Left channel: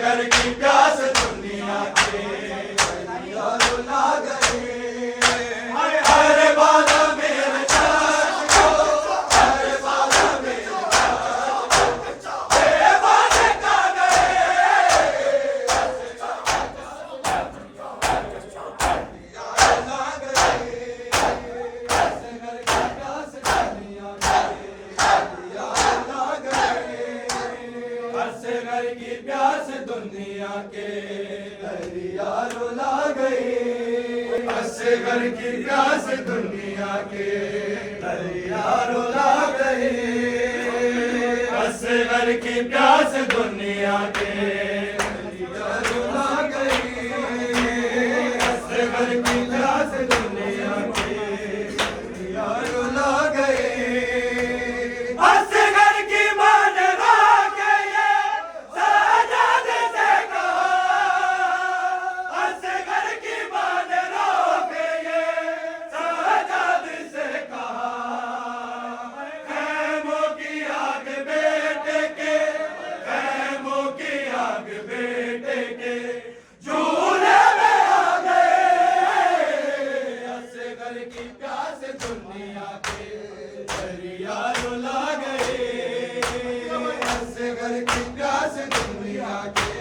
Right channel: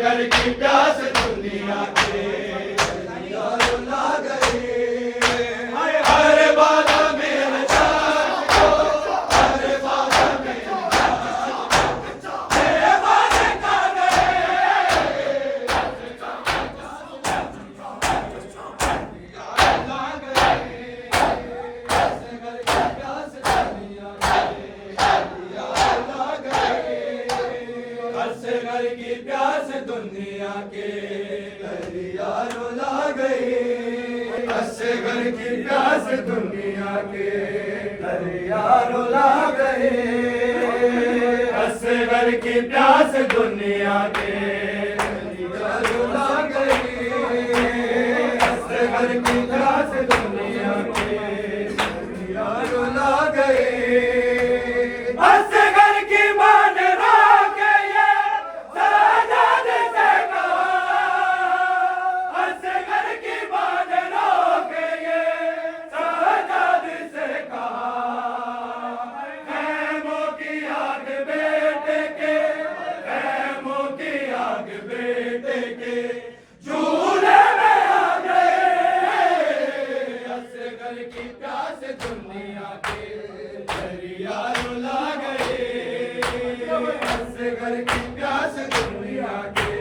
घर की प्यास दुनिया के रुला गए। हर बाधा मेरे चाक को, हर बाधा मेरे बाधा का गए। रुला गए। घर की प्यास दुनिया के दरिया रुला गए। हंसे घर की प्यास दुनिया के दरिया रुला गए। हंसे घर की प्यास दुनिया के दरिया रुला गए। हंसे घर की प्यास दुनिया के दरिया रुला गए। हंसे घर की मान दुनिया के दरिया रुला गए। हंसे घर की प्यास दुनिया के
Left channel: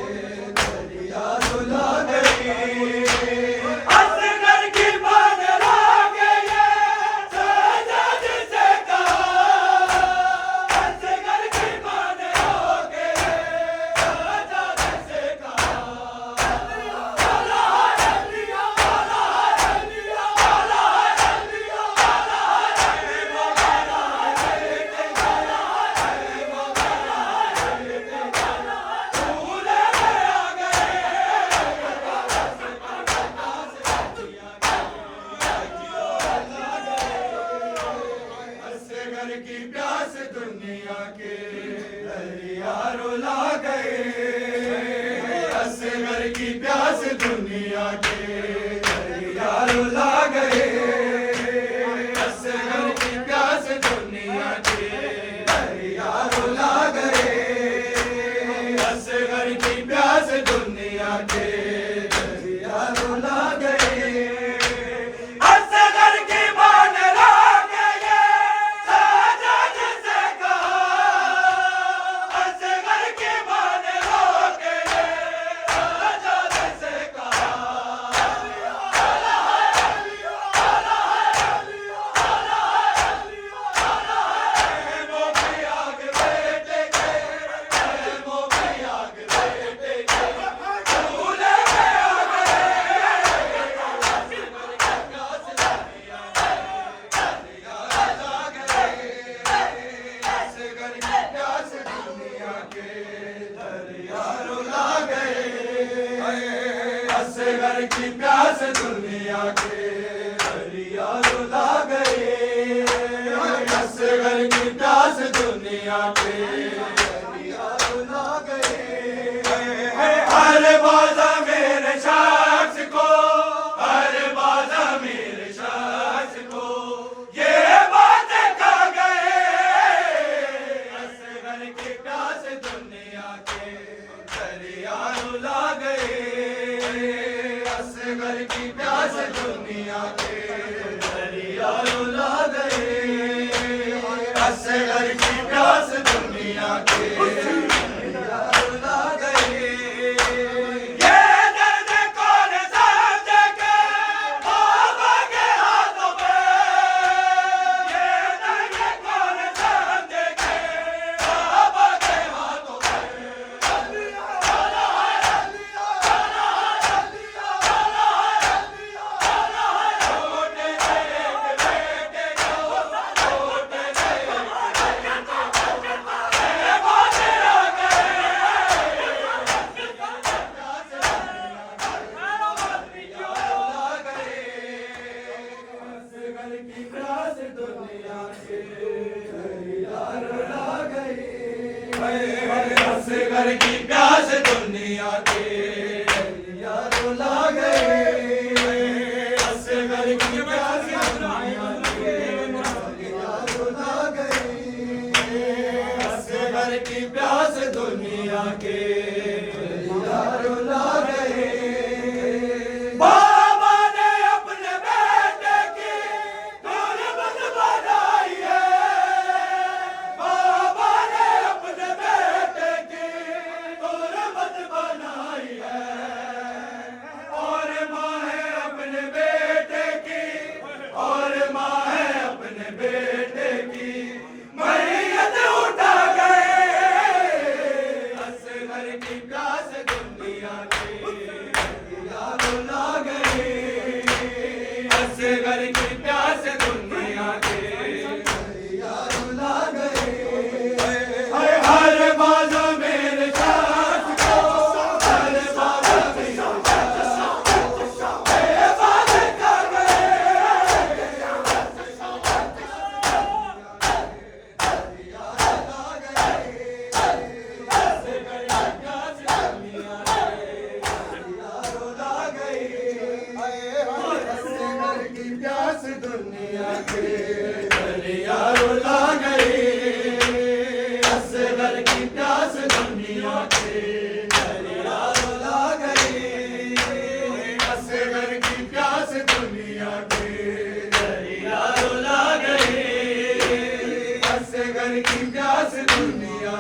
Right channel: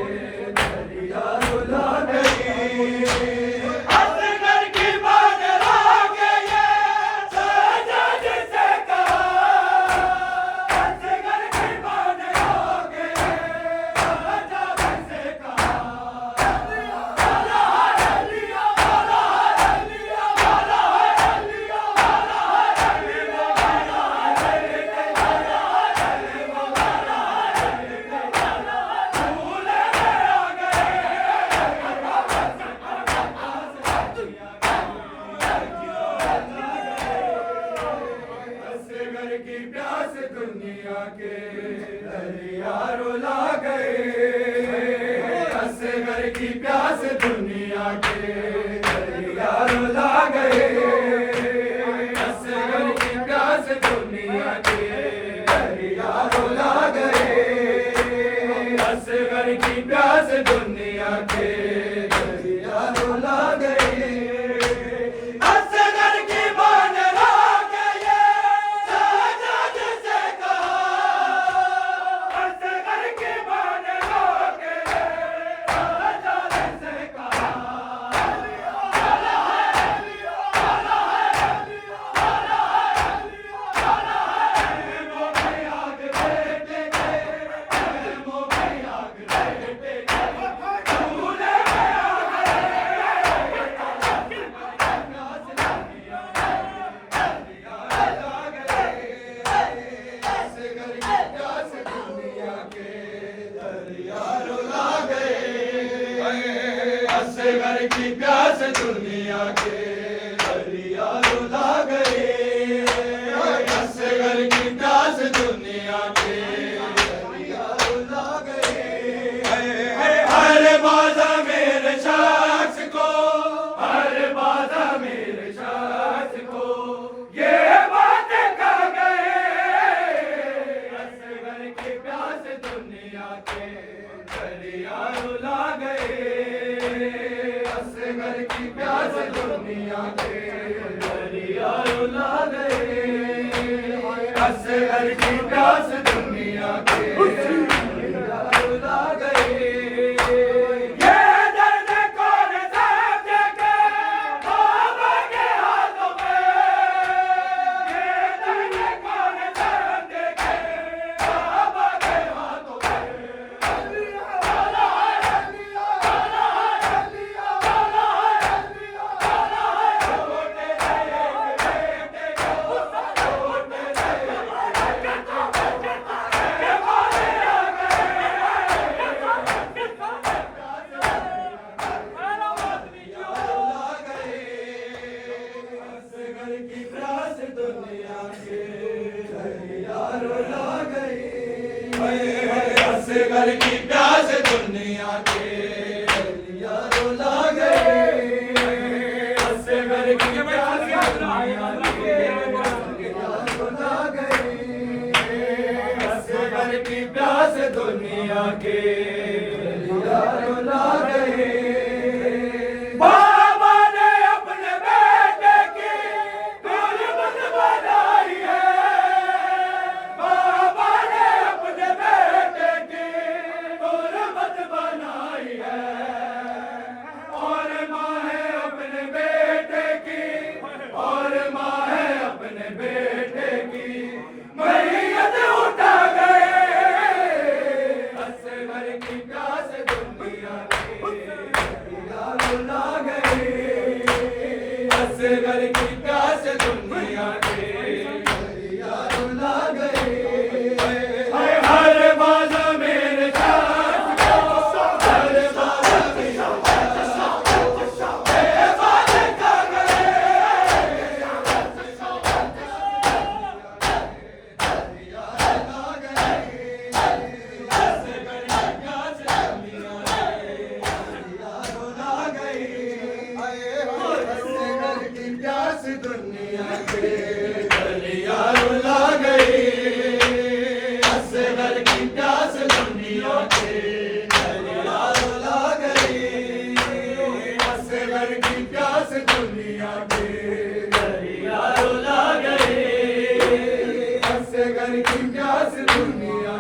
दरिया रुला गए। हंसे घर की मान ला गए। साजाद से कहा। हंसे घर की मान ला गए। साजाद से कहा। घर की प्यास दुनिया के दरिया रुला गए। हंसे घर की प्यास दुनिया के दरिया रुला गए। हंसे घर की प्यास दुनिया के दरिया रुला गए। हंसे घर की प्यास दुनिया के दरिया रुला गए। हंसे घर की प्यास दुनिया के दरिया रुला गए। हंसे घर की प्यास दुनिया के दरिया रुला गए। हर बाधा मेरे शख्स को, हर बाधा मेरे शख्स को ये बात कह गए। हंसे घर की प्यास दुनिया के दरिया रुला गए। घर की प्यास दुनिया के दरिया रुला गए। हंसे घर की प्यास दुनिया के दरिया रुला गए। ये दर्द कौन समझेगा बाबा के हाथों में। ये दर्द कौन समझेगा बाबा के हाथों में। घर की प्यास दुनिया के यारों ला गए। बाबा ने अपने बेटे की गुरबत बनाई है, बाबा ने अपने बेटे की गुरबत बनाई है, और माँ है अपने बेटे की, और माँ है अपने बेटे की मैयत उठा गए। असगर की प्यास दुनिया के यारों ला गए, असगर की प्यास दुनिया के यारों ला गए। हर बाजा मेरे साथ को, हर बाजा मेरे साथ दुनिया के यारों ला गए। असगर की प्यास दुनिया के यारों ला गए, असगर की प्यास दुनिया के यारों ला गए, असगर की प्यास दुनिया